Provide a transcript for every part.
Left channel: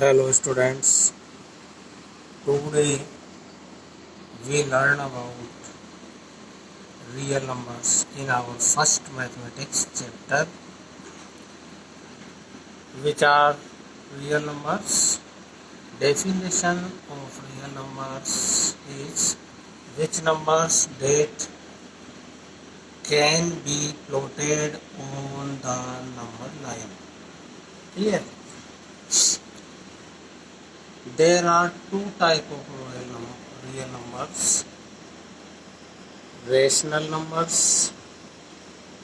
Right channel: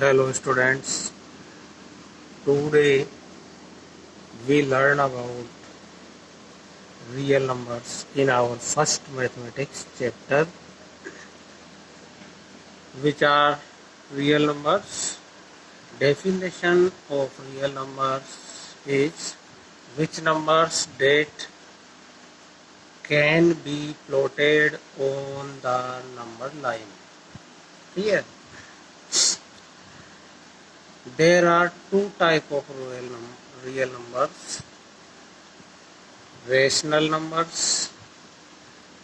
Hello students, today we learn about real numbers in our first mathematics chapter. Which are real numbers? Definition of real numbers is which numbers that can be plotted on the number line. Here there are two types of real numbers: rational numbers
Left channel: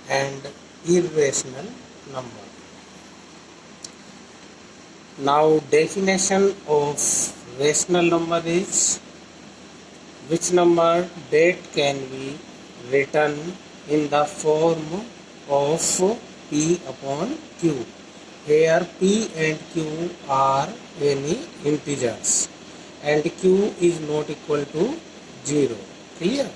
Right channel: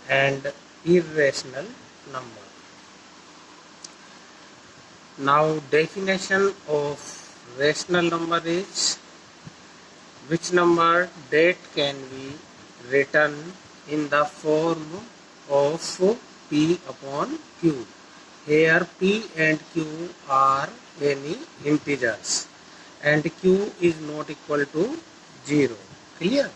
and irrational number. Now definition of rational number is which number that can be written in the form of P upon Q. Here P and Q are any integers and Q is not equal to 0. Clear?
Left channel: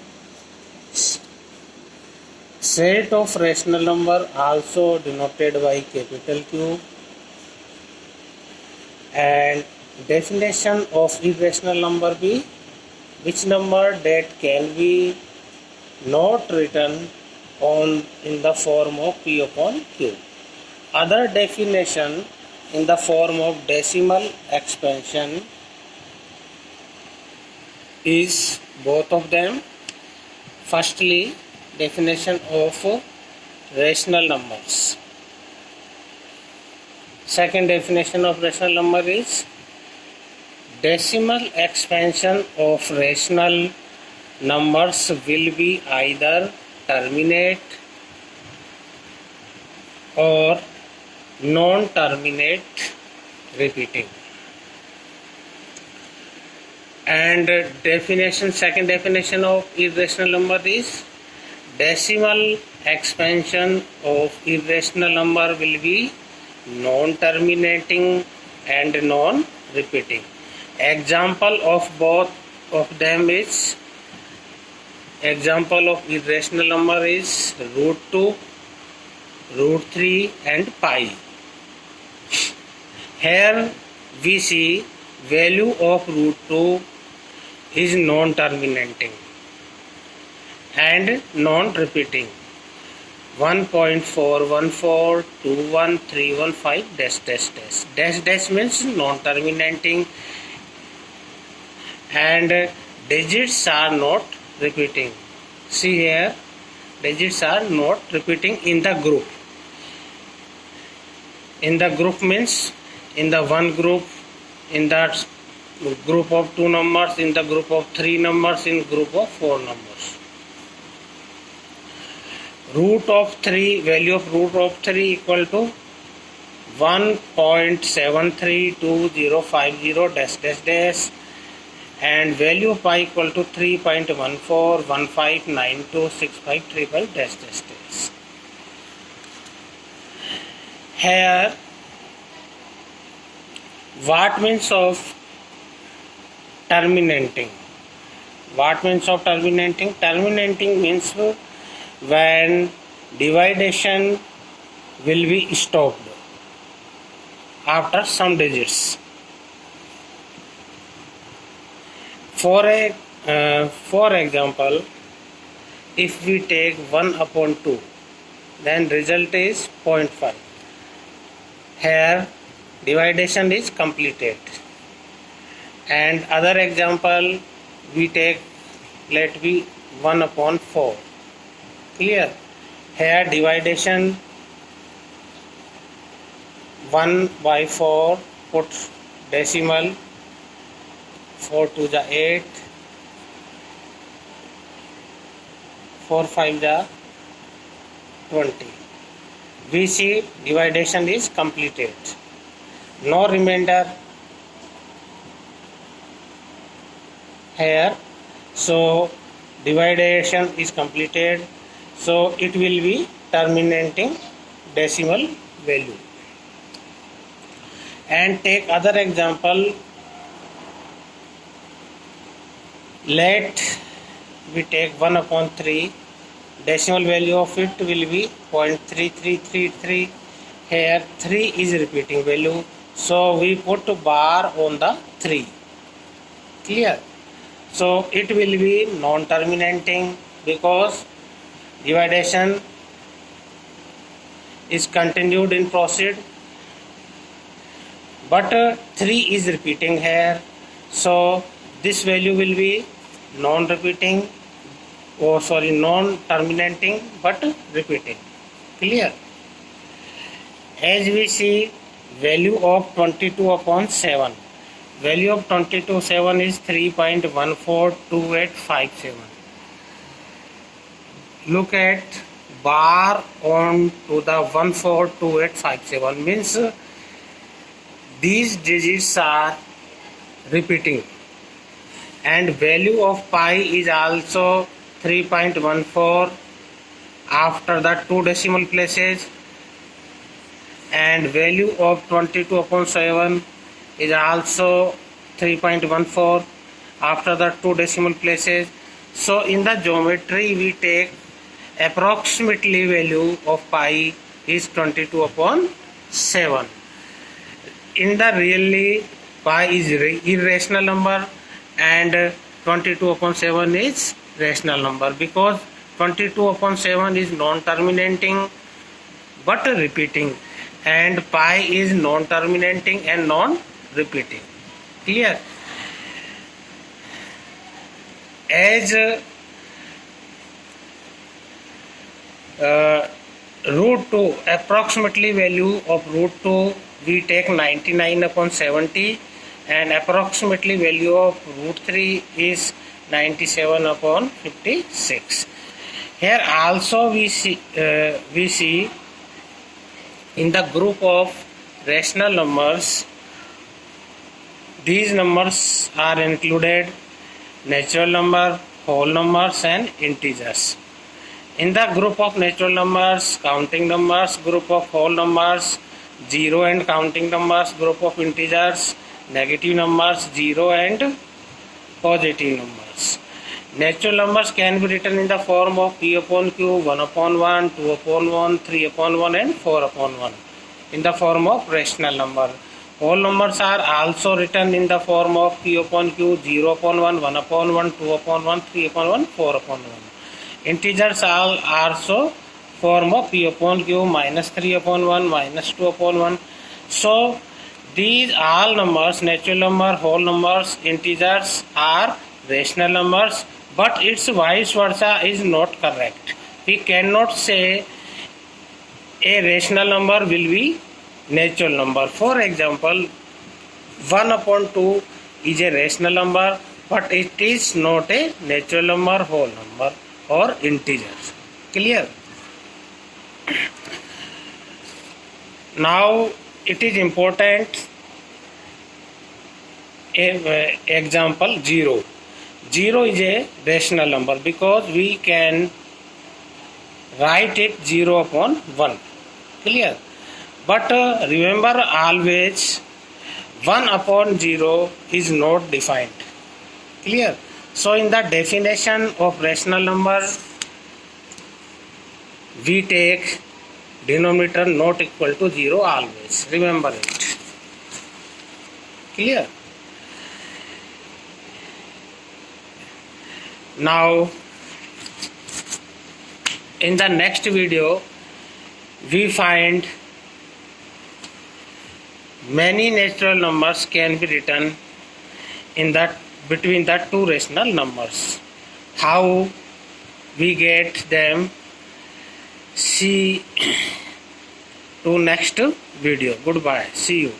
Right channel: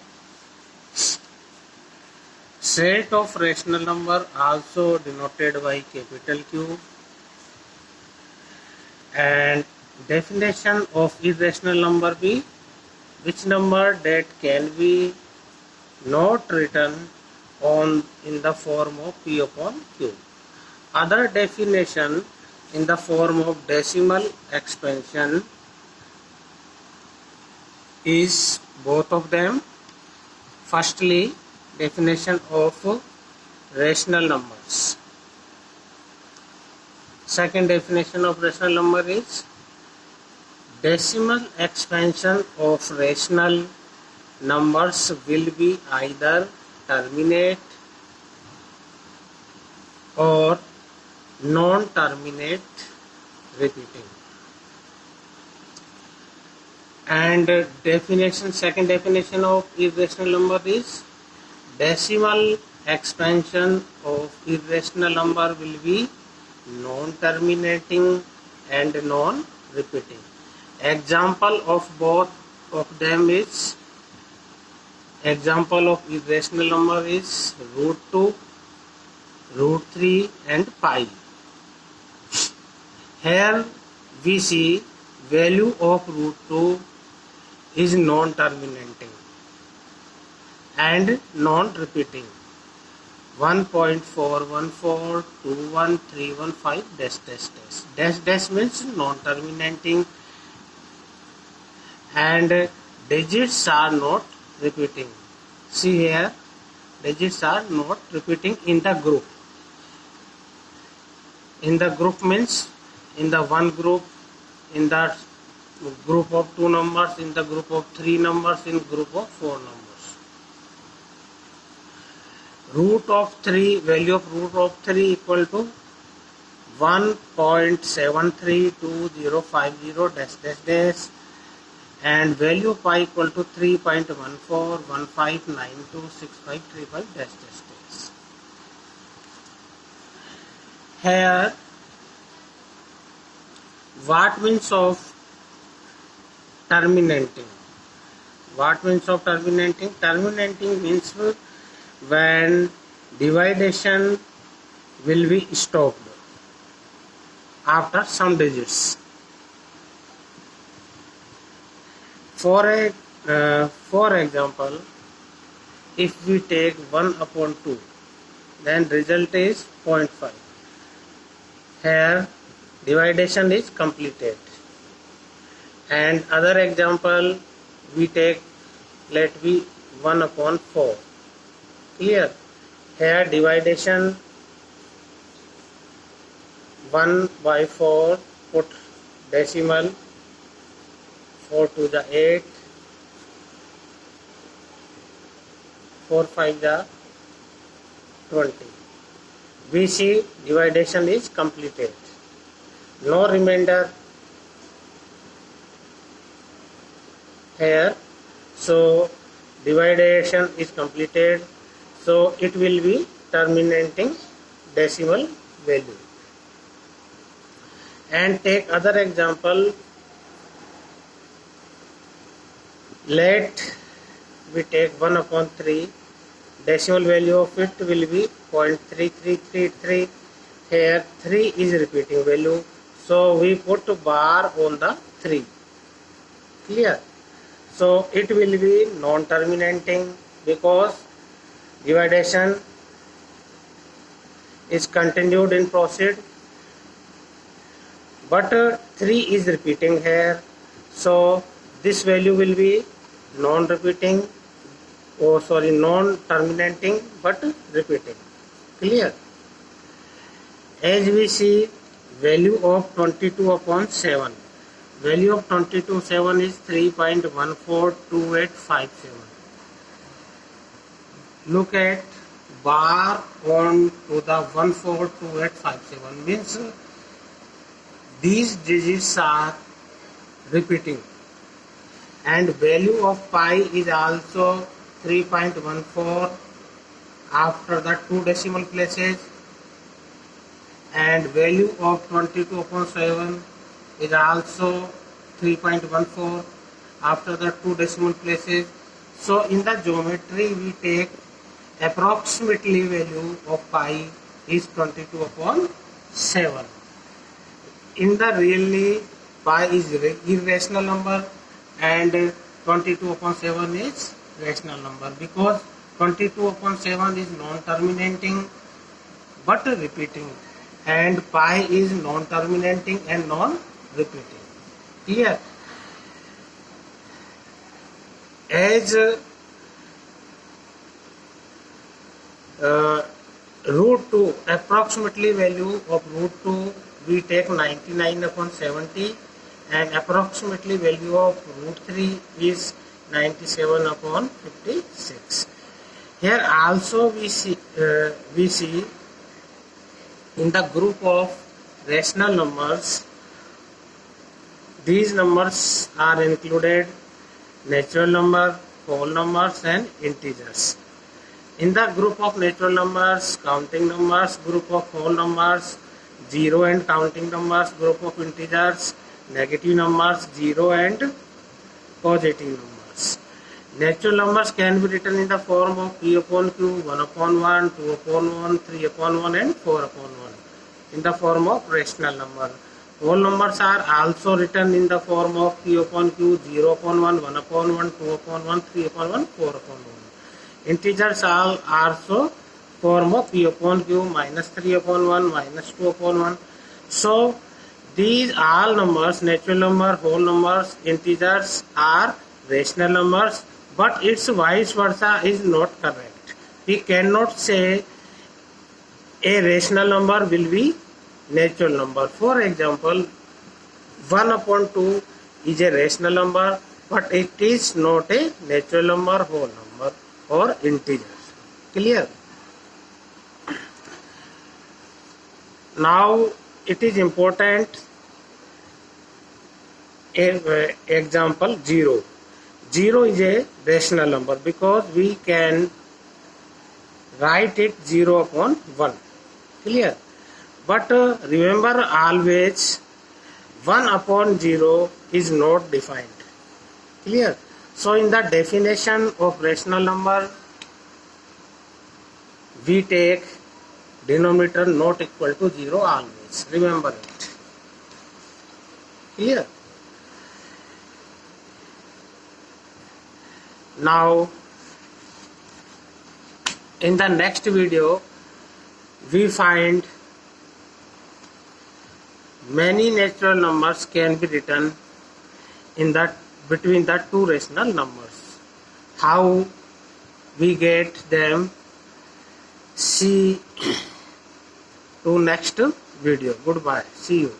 Set of rational number also denoted by capital Q. And definition of irrational number be which number that can be not written on in the form of P upon Q. Other definition in the form of decimal expansion is both of them. Firstly, definition of rational numbers. Second definition of rational number is decimal expansion of rational numbers will be either terminate or non-terminate repeating. And second definition of irrational number is decimal expansion of irrational number will be non-terminating and non-repeating. Example of both of them is, example of irrational number is root 2, root 3 and pi. Here we see value of root 2 is non-terminating and non-repeating. 1.4142115 dash means non-terminating and digits are not repeating. See here, digits are not repeating in the group. In the group means in the one group, in that group of 2 numbers, in the group of 3 numbers, in group of 4 numbers. Root of 3, value of root of 3 equal to 1.732050 and value of pi equal to 3.1415926535 . Here what means of terminating? What means of terminating? Terminating means when division will be stopped after some digits. For example, if we take 1 upon 2, then result is 0.5. Here division is completed. And other example, we take, let be 1 upon 4. Clear? Here division 1 by 4, put decimal, 4 to the 8, 4 5 the 20. We see division is completed. No remainder here. So division is completed. So it will be terminating decimal value. And take other example. Let we take 1 upon 3. Decimal value of it will be 0.3333. Here 3 is repeating value. So we put bar on the 3. Clear? So it will be non-terminating because division is continued in proceed, but 3 is repeating here, so this value will be non-repeating, non-terminating but repeating. Clear? As we see, value of 22 upon 7. Value of 22/7 is 3.142857. Look at bar on to the 142857 means these digits are repeating, and value of pi is also 3.14 after the 2 decimal places, and value of 22 upon 7 is also 3.14 after the 2 decimal places. So in the geometry we take approximately value of pi is 22 upon 7. In the really pi is irrational number and 22 upon 7 is rational number, because 22 upon 7 is non-terminating but repeating, and pi is non-terminating and non-repeating. Clear? As root 2, approximately value of root 2 we take 99 upon 70, and approximately value of root 3 is 97 upon 56. Here also we see in the group of rational numbers, these numbers are included natural number, whole numbers and integers. In the group of natural numbers, counting numbers, group of whole numbers, zero and counting numbers, group of integers, negative numbers, zero and positive numbers. Natural numbers can be written in the form of p upon q, 1 upon 1, 2 upon 1, 3 upon 1 and 4 upon 1 in the form of rational number. Whole numbers are also written in the form of p upon q, 0 upon 1, 1 upon 1, 2 upon 1, 3 upon 1, 4 upon 1. Integers are also form of p upon q, minus 3 upon 1, minus 2 upon 1. So these all numbers, natural number, whole numbers, integers are rational numbers, but its vice versa is not correct. We cannot say a rational number will be natural number. For example, 1 upon 2 is a rational number, but it is not a natural number, whole number or integers. Clear? Now it is important example 0. 0 is a rational number because we can write it 0 upon 1. Clear? But remember always 1 upon 0 is not defined. Clear? So in the definition of rational number we take denominator not equal to 0 always. Remember it. Clear? Now in the next video we find many natural numbers can be written in that between the two rational numbers. How we get them? See to next video. Goodbye. See you.